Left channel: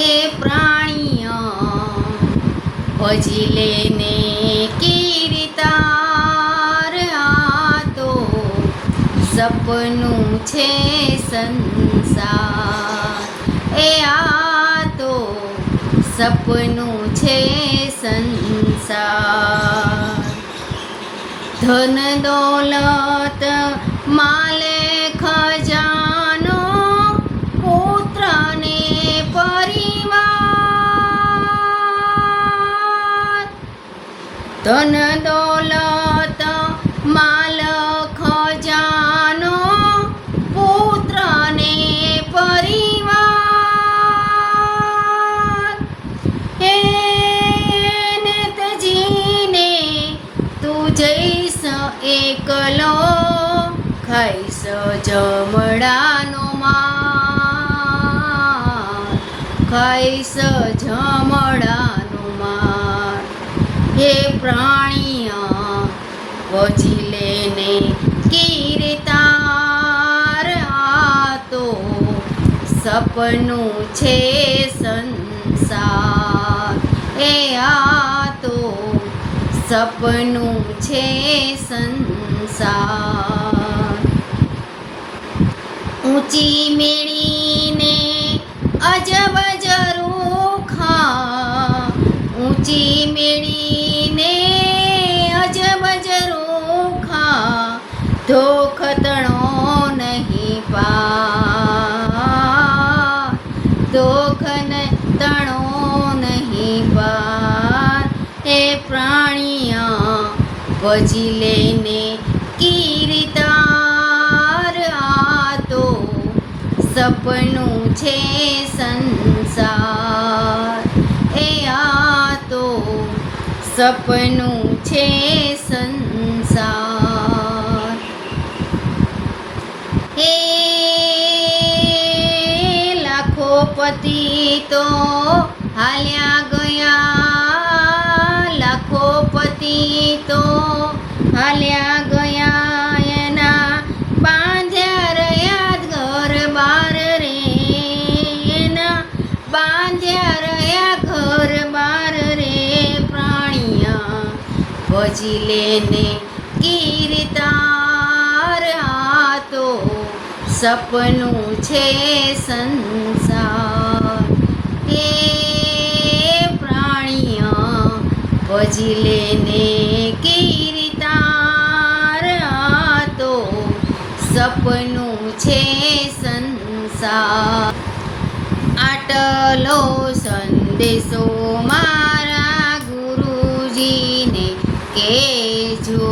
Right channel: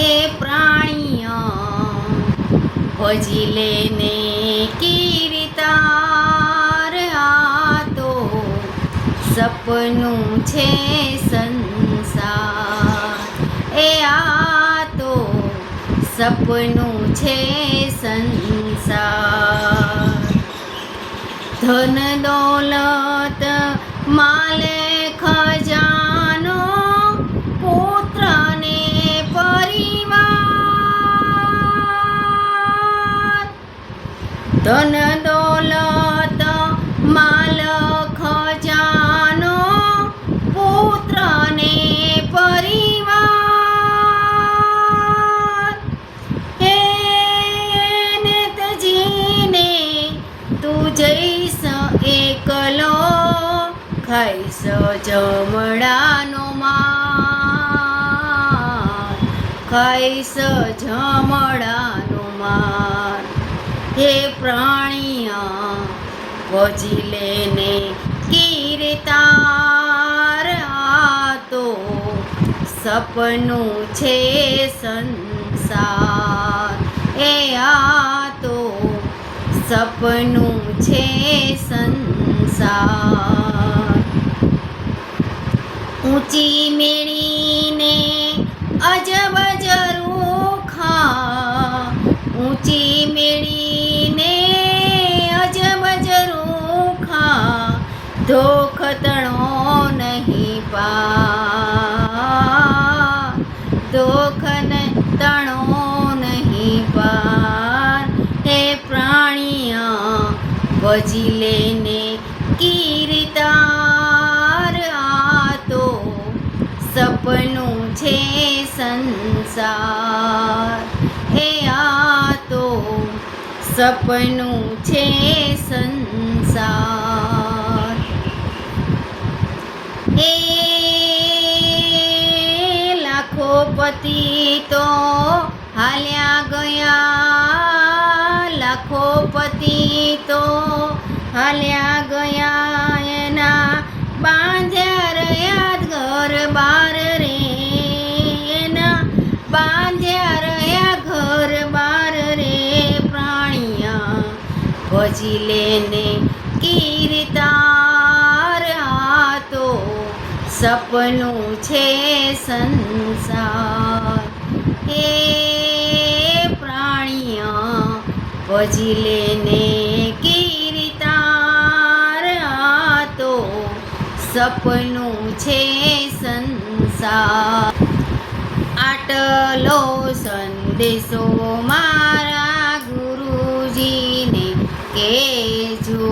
હે પ્રાણીઓ હજી લેને કીર્તાર આ તો સપનું છે સંસાર. એ આ તો સપનું છે સંસાર. ધન દોલત માલે ધન દોલત માલ ખજાનો પુત્ર ને પરિવાર. હે નેતજીને તું જઈશ એકલો, ખાઈશ જમડાનો માં ખાઈશ જમડાનો માર હે પ્રાણીયા વજી લેને કીર્તાર આ તો સપનું છે સંસાર. એ આ તો સપનું છે સંસાર. ઊંચી મેળીને અજબ ભજી લઈને કીર્તાર આ તો સપનું છે સંસાર. એ આ તો સપનું છે સંસાર. એ લાખો પતિ તો હાલ્યા હાલ્યા ગયા એના બાંધ્યા રહ્યા ઘર બાર રે એના બાંધ્યા રહ્યા ઘર બાર રે પ્રાણિયા ભજી લેને કીર્તાર આ તો સપનું છે સંસાર. એ પ્રાણિયા ભજી લેને છે સંસાર. આટલો સંદેશો મારા ગુરુજીને કેજો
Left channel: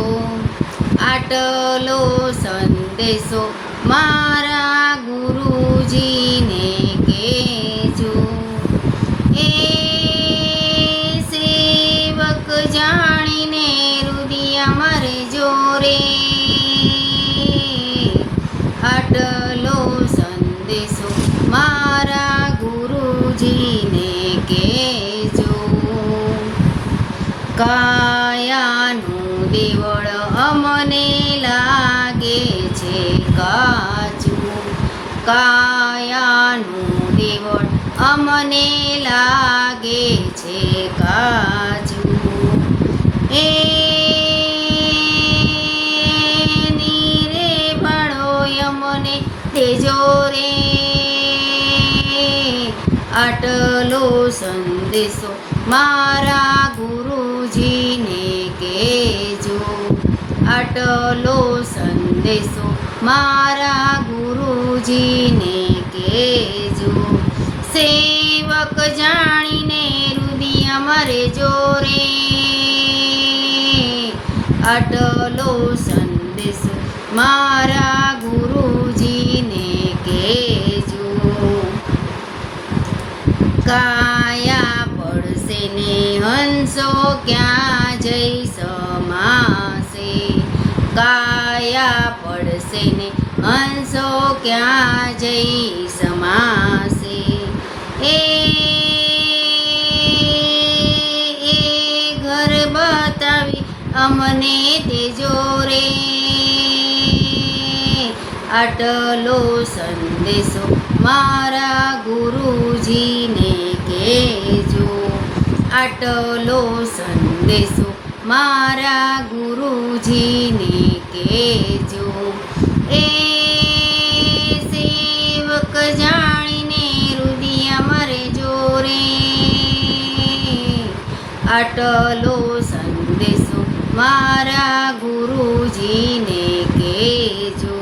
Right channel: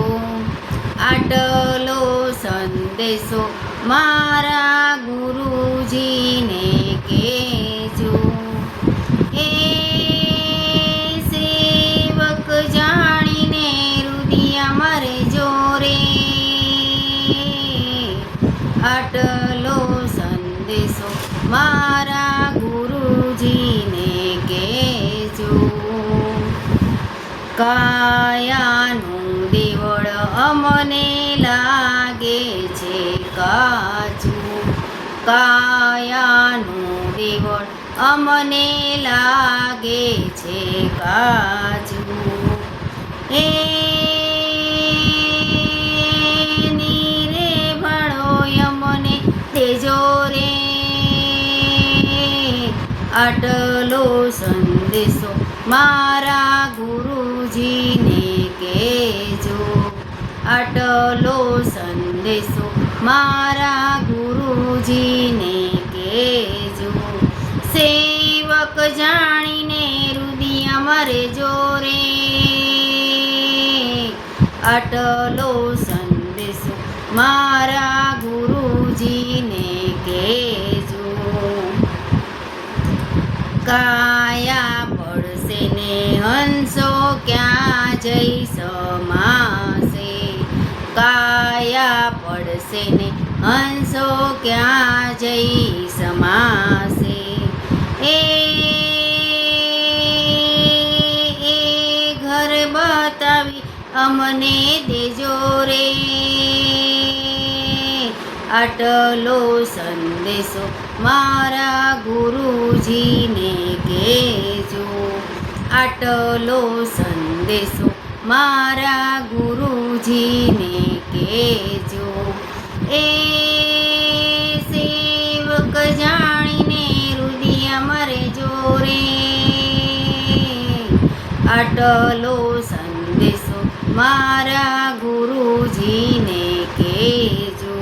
આટલો સંદેશો મારા ગુરુજીને કેજો એ સેવક જાણીને કાયાનું દેવળ અમને લાગે છે કાચું. કાયાનું દેવળ અમને લાગે છે કાચું. એ નીરે ભાડો અમને દેજો રે. આટલો સંદેશો મારા ગુરુજીને કેજો આટલો સંદેશો મારા ગુરુજીને કેજો સેવક જાણીને રુદિયા મારે જોરે. અટલો સંદેશ મારા ગુરુજીને કેજો કાયા પડશે ને હંસો ક્યાં? એ ઘર બતાવી અમને દેજો રે આટલો સંદેશો મારા ગુરુજીને કહેજો આટલો સંદેશો મારા ગુરુજીને આટલો સંદેશો મારા ગુરુજીને કેજો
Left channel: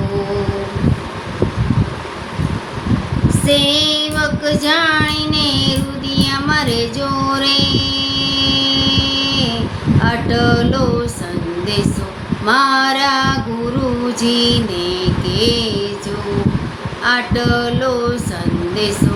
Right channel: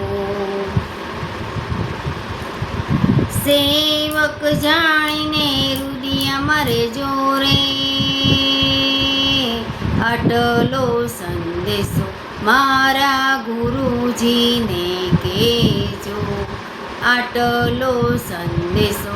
સેવક જાણીને રુદિયા મરે જોરે. આટલો સંદેશો મારા ગુરુજીને કેજો આટલો સંદેશો